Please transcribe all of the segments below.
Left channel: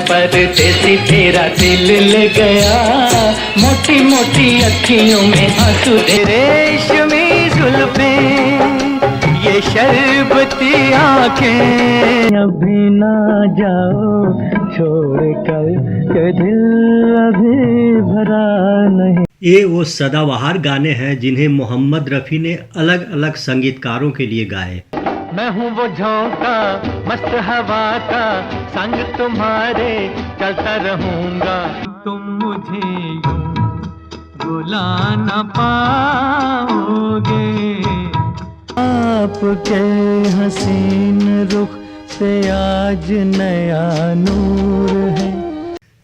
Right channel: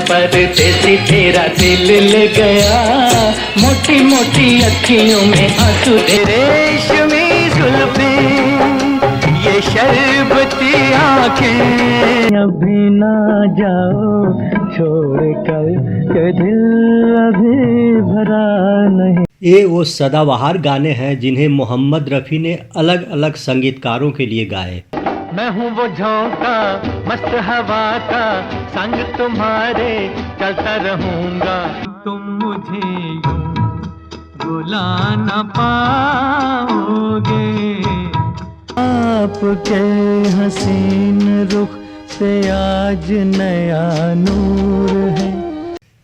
परदेसी तेरा दिल ले गया, मोटी मोटी अखियों में आंसू दे। रेशमी जुल्फें ये शरबती आंखें, अभी ना जाओ छोड़ कर के दिल अभी भरा नहीं। ये वो सदाबहार गाने हैं जिन्हें मोहम्मद रफ़ी ने अलग अलग संगीतकारों के लिए गाए। मैं हूँ वो झोंका मस्त हवा का, संग तुम्हारे चलता रहूंगा। तुम मुझे यूं बुला न पाओगे, आपके हसीन रुख पे आज नया नूर है।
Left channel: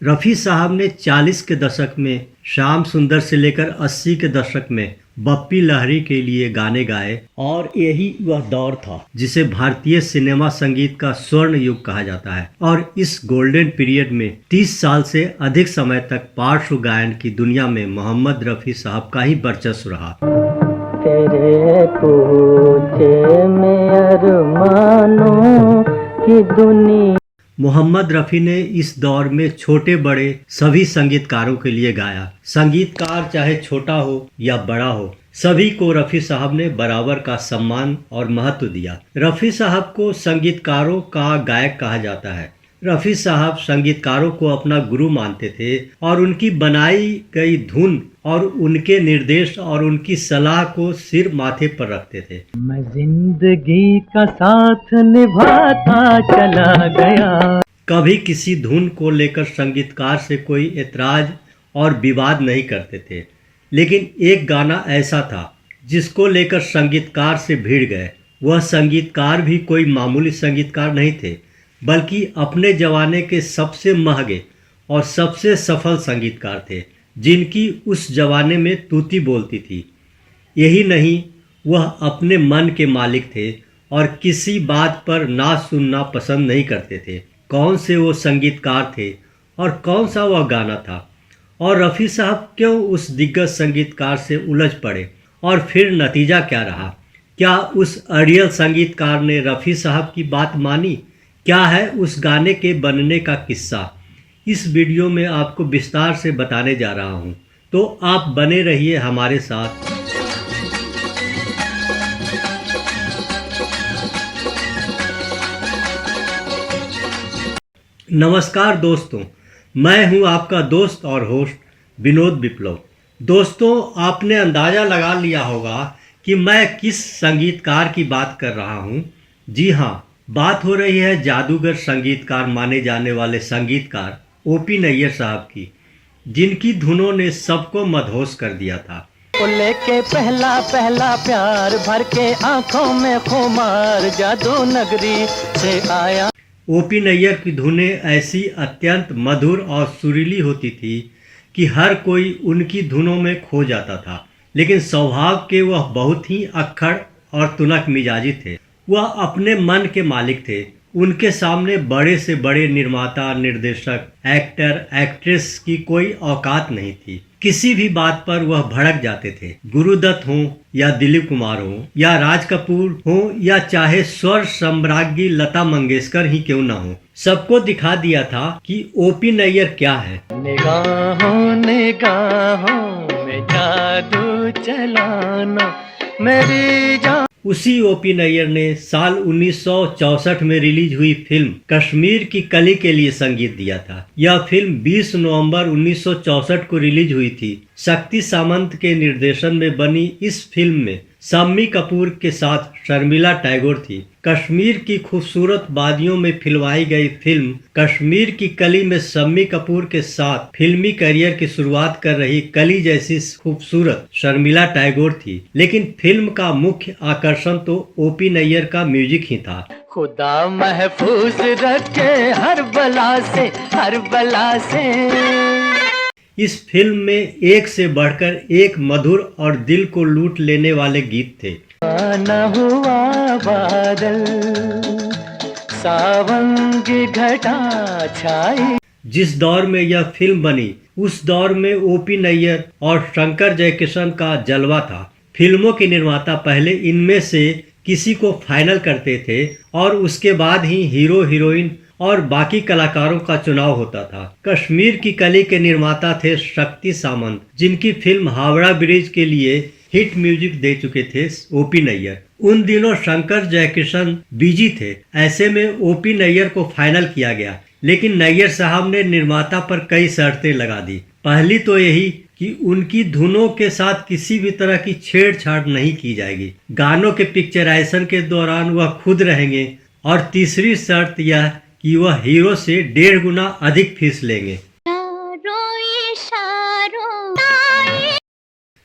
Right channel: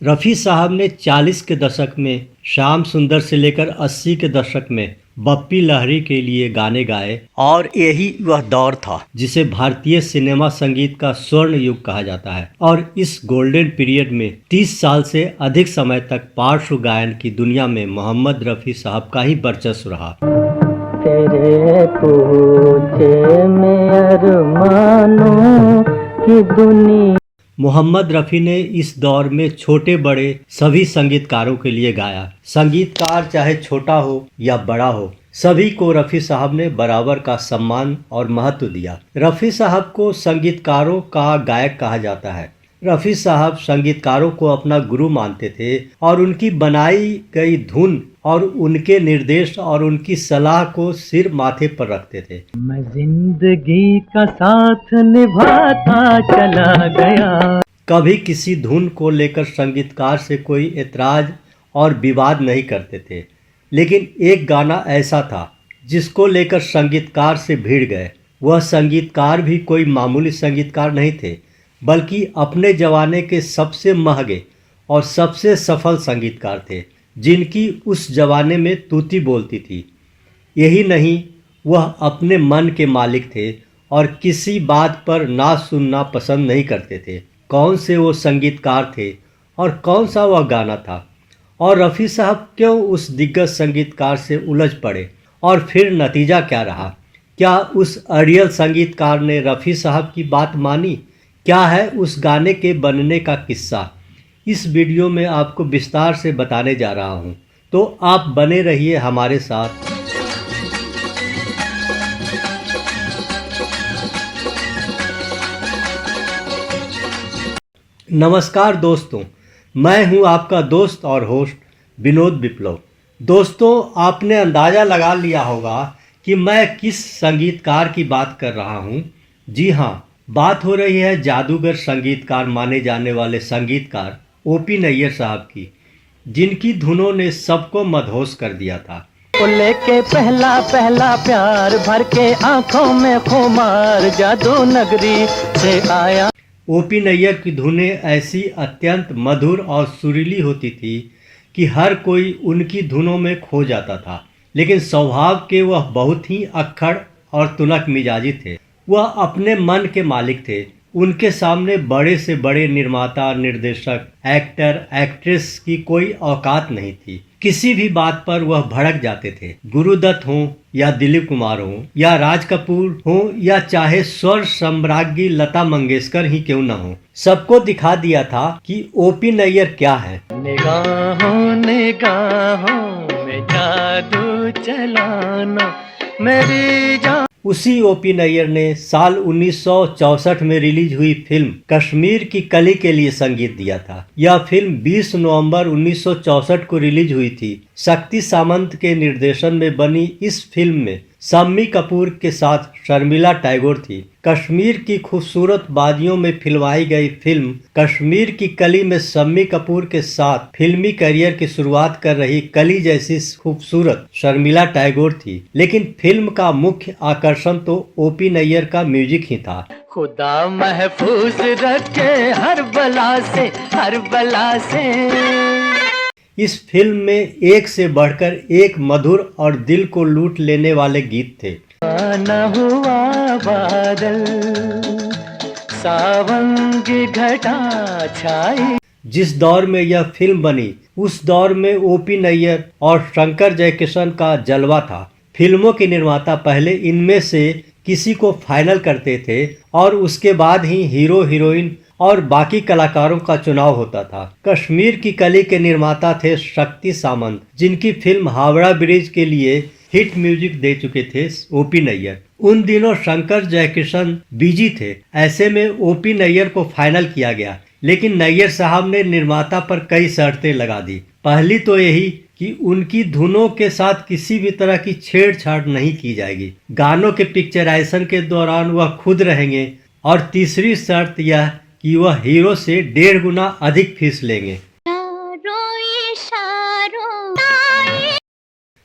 रफ़ी साहब ने 40 के दशक में श्याम सुंदर से लेकर 80 के दशक में बप्पी लहरी के लिए गाने गाए और यही वह दौर था जिसे भारतीय सिनेमा संगीत का स्वर्ण युग कहा जाता है। और इस गोल्डन पीरियड में 30 साल से अधिक समय तक पार्श्व गायन की दुनिया में मोहम्मद रफ़ी साहब का ही वर्चस्व रहा। तेरे पूछे में अरमानों की दुनिया। मोहम्मद रफ़ी ने इस दौर में छोटे बड़े सभी संगीतकारों के लिए गाया। संगीतकार चाहे छोटा हो या बड़ा हो, सभी को रफ़ी साहब ने बराबर का सम्मान और महत्व दिया। रफ़ी साहब को संगीतकारों का गायक कहा जाता है। रफ़ी साहब संगीतकारों को अपना गुरु मानते थे और उनकी बनाई गई धुन और उनके निर्देश और उनकी सलाह को सिर माथे पर रखते थे। मैं जिंदगी का साथ निभाता चला गया। कभी किसी धुन को लेकर संगीतकार से कोई एतराज और विवाद नहीं करते थे, लेकिन एक गाना ऐसा था जिसको लेकर संगीतकार से भिड़ गए। वह संगीतकार भी कोई मामूली संगीतकार नहीं थे, बल्कि अपने जमाने के सबसे महंगे और सबसे सफल संगीतकार थे, जिनकी उस जमाने में तूती बोलती थी। यही नहीं, वह अपने मन के मालिक थे और किसी बात पर ना सुनना पसंद नहीं करते थे। कौन से वो संगीतकार थे और कौन सा वह गाना था, और रफ़ी साहब क्यों उस दिग्गज संगीतकार से उलझ पड़े, और फिर नतीजा क्या रहा? क्या उस अड़ियल संगीतकार ने रफ़ी साहब की बात मानी? क्या है उस गाने के बनने का किस्सा? इस वीडियो में आपको विस्तार से बताने जा रहा हूं, तो आप बने रहिए हमारे साथ। नमस्कार दोस्तों, मैं हूं आपका दोस्त और होस्ट विनोद विप्लव। दोस्तों, आपने अंदाज़ा लगा लिया होगा कि मैं किस संगीतकार की बात कर रहा हूं। जी हाँ, बात हो रही है जादूगर संगीतकार माने जाने वाले संगीतकार ओपी नैयर साहब की, जिनकी धुनों ने सबको मदहोश कर दिया था। लेके पहला पहला प्यार भर के आंखों में खुमार, जादू नगरी से आया। ओपी नैयर की धुनें ऐसी अत्यंत मधुर और सुरीली होती थी कि हर कोई उनकी धुनों में खो जाता था। लेकिन स्वभाव के वह बहुत ही अक्खड़ और तुनक मिजाजी थे। वह अपने मन के मालिक थे। उनके सामने बड़े से बड़े निर्माता, निर्देशक, एक्टर, एक्ट्रेस की कोई औकात नहीं थी। किसी भी बात पर वह भड़क जाते थे। गुरुदत्त हो या दिलीप कुमार हो या राज कपूर हो या चाहे स्वर सम्राज्ञी लता मंगेशकर ही क्यों न हो, सबको दिखा दिया था कि ओपी नैयर क्या है। निगाहों निगाहों में जादू चलाना मेरी जान। उसी ओपी नैयर ने साल 1964 में रिलीज हुई फिल्म कश्मीर की कली के लिए संगीत दिया था। यह फिल्म 20 नवंबर 1964 को रिलीज हुई थी। शक्ति सामंत के निर्देशन में बनी इस फिल्म में शम्मी कपूर के साथ शर्मिला टैगोर थी। कश्मीर की खूबसूरत वादियों में फिल्माई गई फिल्म कश्मीर की कली में शम्मी कपूर के साथ फिल्मी करियर की शुरुआत कर रही कली जैसी खूबसूरत शर्मिला टैगोर थी। लेकिन फिल्म का मुख्य आकर्षण तो ओपी नैयर का म्यूजिक ही था। खुदा महफूज रखे हर बला से, हर बला से। इस फिल्म में एक से बढ़कर एक मधुर और दिल को लूट लेने वाले गीत थे। न हुआ बादल सावन की घटा छाई। जिस दौर में यह फिल्म बनी, उस दौर में ओपी नैयर और शंकर जयकिशन का जलवा था। फिल्मों के निर्माता पहले इनमें से किसी को फाइनल करते थे और उसके बाद ही हीरो हीरोइन और बाकी कलाकारों का चुनाव होता था। कश्मीर की कली के निर्माता थे शक्ति सामंत, जिनकी फिल्म हावड़ा ब्रिज के लिए हिट म्यूजिक दे चुके थे ओपी नैयर। उन दिनों शंकर जयकिशन बिजी थे, ऐसे में ओपी नैयर को फाइनल किया गया, लेकिन नैयर साहब ने निर्माता पर कई शर्तें लगा दी। पहली तो यही कि उनकी धुनों के साथ किसी भी तरह की छेड़छाड़ नहीं की जाएगी, गानों के पिक्चराइजेशन के दौरान वह खुद रहेंगे, और तीसरी शर्त यह कि वह हीरो से 1.5 गुना अधिक फीस लेंगे।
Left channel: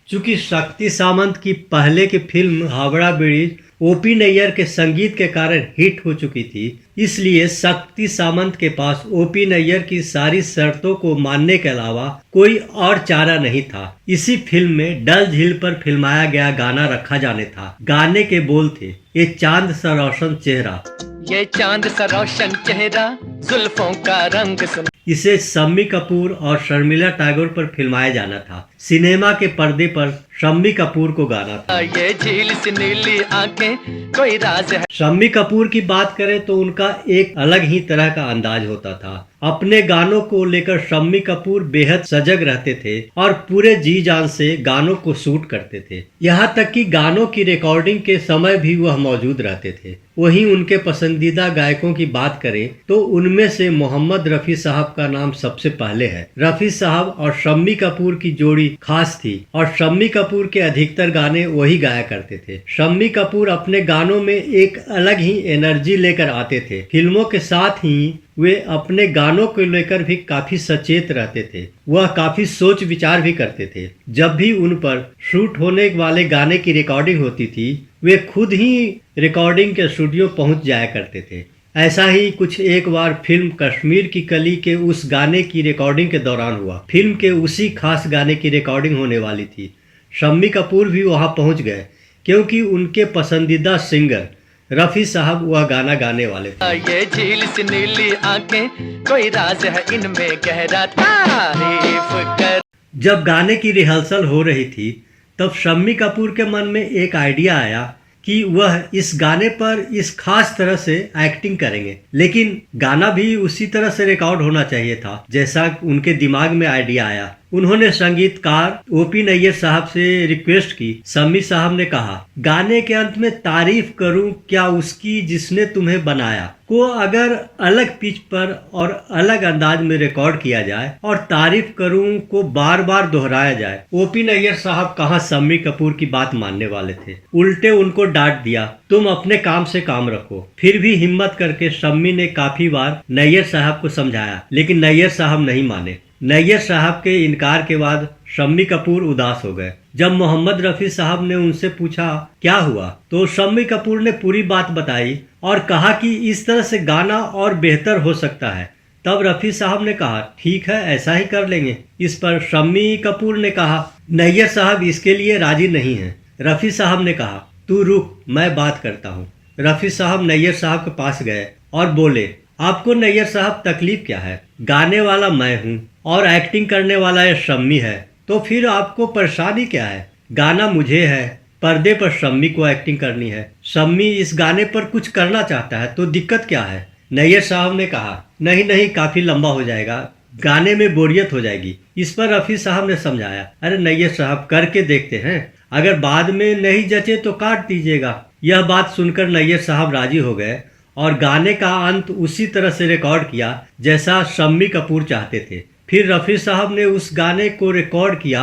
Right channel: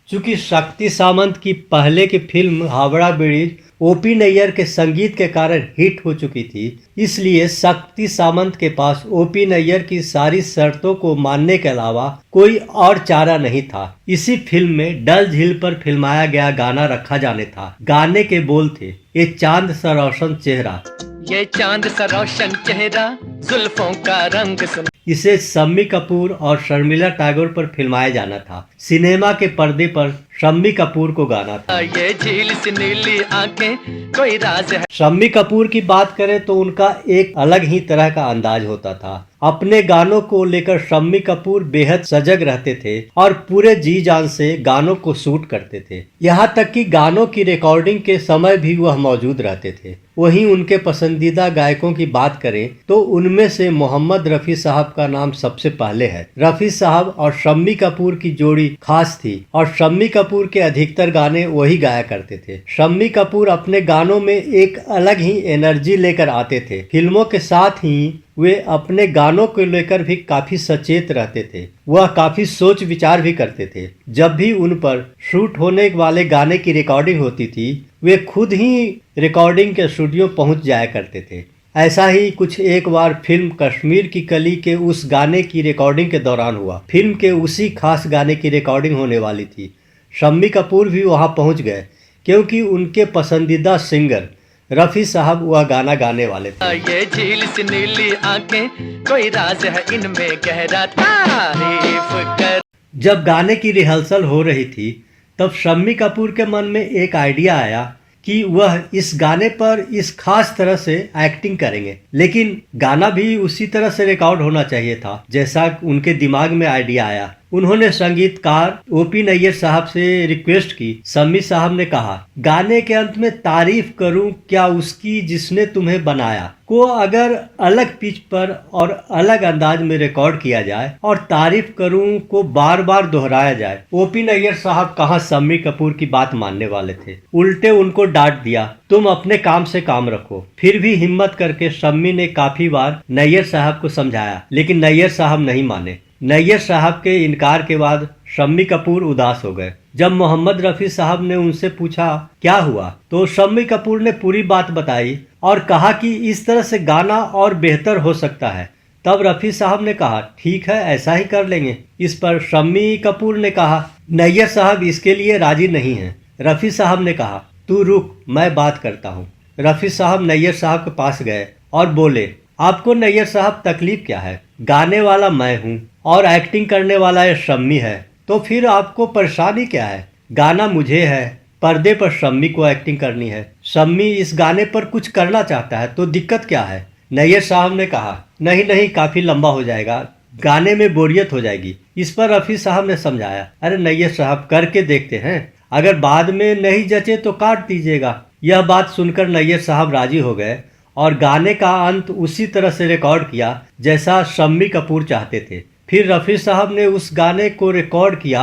चूंकि शक्ति सामंत की पहले की film Howrah bridge OP Nayyar के संगीत के कारण हिट हो चुकी थी, इसलिए शक्ति सामंत के पास ओपी नैयर की सारी शर्तों को मानने के अलावा कोई और चारा नहीं था। इसी फिल्म में डल झील पर फिल्माया गया गाना रखा जाने था। गाने के बोल थे, ये चांद सा रोशन चेहरा, ये चांद सा रोशन चेहरा, जुल्फों का रंग सुन। इसे शम्मी कपूर और शर्मिला टैगोर पर फिल्माया जाना था। सिनेमा के पर्दे पर शम्मी कपूर को गाना था। ये झील सी नीली आंखें, कोई राज है। शम्मी कपूर की बात करें तो उनका एक अलग ही तरह का अंदाज होता था। अपने गानों को लेकर शम्मी कपूर बेहद सजग रहते थे और पूरे जी जान से गानों को शूट करते थे। यहाँ तक कि गानों की रिकॉर्डिंग के समय भी वह मौजूद रहते थे। वहीं उनके पसंदीदा गायकों की बात करें तो उनमें से मोहम्मद रफी साहब का नाम सबसे पहले है। रफी साहब और शम्मी कपूर की जोड़ी खास थी और शम्मी कपूर के अधिकतर गाने वही गाया करते थे। शम्मी कपूर अपने गानों में एक अलग ही एनर्जी लेकर आते थे। फिल्मों के साथ ही वे अपने गानों को लेकर भी काफी सचेत रहते थे। वह काफी सोच विचार भी करते थे। जब भी उन पर शूट होने वाले गाने की रिकॉर्डिंग होती थी, वे खुद ही रिकॉर्डिंग के स्टूडियो पहुंच जाया करते थे। ऐसा ही कुछ एक बार फिल्म कश्मीर की कली के उस गाने की रिकॉर्डिंग के दौरान हुआ। फिल्म के उसी खास गाने की रिकॉर्डिंग होने वाली थी। शम्मी कपूर भी वहां पहुंच गए क्योंकि उनके पसंदीदा सिंगर रफी साहब वह गाना गाने वाले थे। ये झील सी नीली आंखें, कोई राज है इनमें गहरा, तारीफ कर। जब गाने की रिहर्सल हो रही थी तब शम्मी कपूर के मन में एक आइडिया आया कि वह इस गाने पर इस खास तरह से एक्टिंग करेंगे, लेकिन गाना भी उसी तरह से रिकॉर्ड होना चाहिए था जैसा उनके दिमाग में आइडिया आया। उन्होंने संगीतकार ओपी नैयर साहब से रिक्वेस्ट की। शम्मी साहब ने कहा, गाने के अंत में तारीफ करूं क्या उसकी जिसने तुम्हें बनाया को अगर अलग पिच पर और अलग अंदाज में रिकॉर्ड किया जाए और तारीफ करूं को बार बार दोहराया जाए। ओपी नैयर साहब कहाँ शम्मी कपूर की बात मानने वाले थे, उल्टे उनको डांट दिया, तुम अपने काम से काम रखो। फिर भी हिम्मत करके शम्मी ने काफी बार नैयर साहब को समझाया, लेकिन नैयर साहब नहीं माने। नैयर साहब के इनकार के बाद शम्मी कपूर उदास हो गए। जब मोहम्मद रफी साहब ने उनसे पूछा क्या हुआ, तो शम्मी कपूर ने पूरी बात बताई और कहा कि इस तरह से गाना और बेहतर हो सकता है। तब रफी साहब ने कहा, ठीक है, ऐसा ही कर लेंगे। इस पर शम्मी कपूर ने कहा, नैयर साहब इसके लिए राजी नहीं है। रफी साहब ने कहा, तू रुक, मैं बात करता हूँ। रफी साहब नैयर साहब के पास गए और बोले, आपको नैयर साहब तकलीफ क्या है? गाने वाला मैं हूँ और एक्टिंग करने वाला ये शम्मी है, तो फिर आपको परेशानी क्या है? गाना मुझे है, पर्दे पर शम्मी को एक्टिंग करनी है। शम्मी इस गाने पर कुछ करना चाहता है तो दिक्कत क्या है? नैयर साहब ने कहा, नहीं नहीं, काफी लंबा हो जाएगा, गाने में बोरियत हो जाएगी। इस पर रफी साहब ने समझाया, अरे नैयर साहब करके देखते हैं, अगर बाद में नहीं जचे तो काट दीजिएगा। यह बात सुनकर नैयर साहब राजी हो गए और गाने का अंत उसी तरह से रिकॉर्ड किया जैसा शम्मी कपूर चाहते थे। फिर रफी साहब ने उस गाने को रिकॉर्ड किया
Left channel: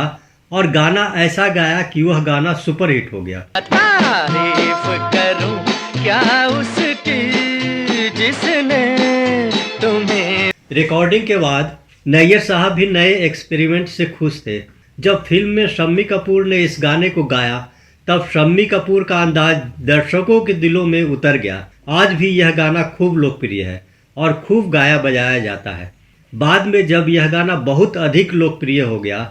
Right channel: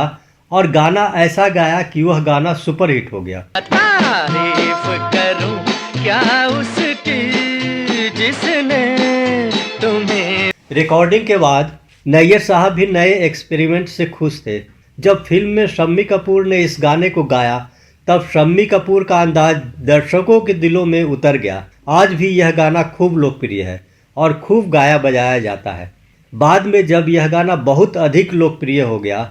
और गाना ऐसा गाया कि वह गाना सुपरहिट हो गया। तारीफ करूं क्या उसकी जिसने तुम्हें। रिकॉर्डिंग के बाद नैयर साहब भी नए एक्सपेरिमेंट से खुश थे। जब फिल्म में शम्मी कपूर ने इस गाने को गाया तब शम्मी कपूर का अंदाज दर्शकों के दिलों में उतर गया। आज भी यह गाना खूब लोकप्रिय है और खूब गाया बजाया जाता है। बाद में जब यह गाना बहुत अधिक लोकप्रिय हो गया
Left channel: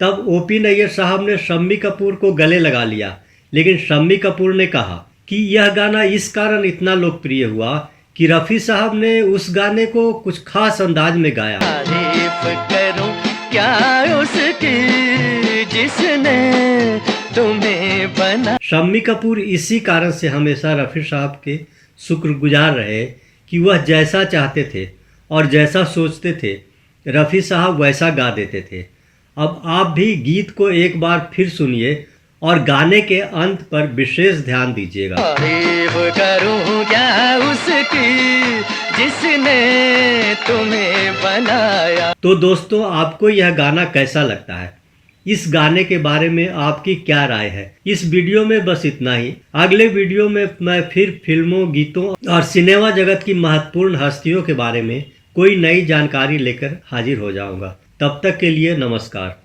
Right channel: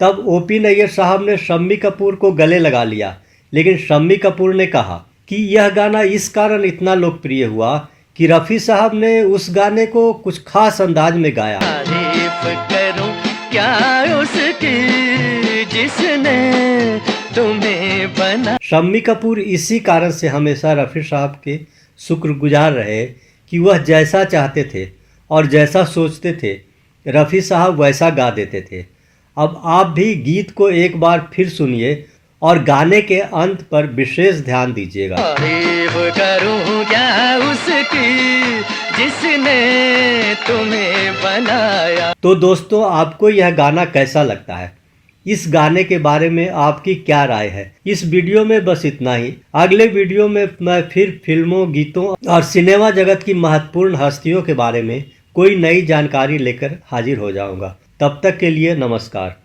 तब ओपी नैयर साहब ने शम्मी कपूर को गले लगा लिया, लेकिन शम्मी कपूर ने कहा कि यह गाना इस कारण इतना लोकप्रिय हुआ कि रफी साहब ने उस गाने को कुछ खास अंदाज में गाया। तारीफ करूं क्या उसकी जिसने तुम्हें बना। शम्मी कपूर इसी कारण से हमेशा रफी साहब के शुक्रगुजार रहे कि वह जैसा चाहते थे और जैसा सोचते थे रफ़ी साहब वैसा गा देते थे। अब आप भी गीत को एक बार फिर सुनिए और गाने के अंत पर विशेष ध्यान दीजिएगा। तारीफ करूं क्या उसकी जिसने तुम्हें बनाया। तो दोस्तों, आपको यह गाना कैसा लगता है? इस गाने के बारे में आपकी क्या राय है? इस वीडियो में बस इतना ही। अगले वीडियो में मैं फिर फिल्मों, गीतों और सिनेमा जगत की महत्वपूर्ण हस्तियों के बारे में कोई नई जानकारी लेकर हाजिर हो जाऊंगा। तब तक के लिए नमस्कार।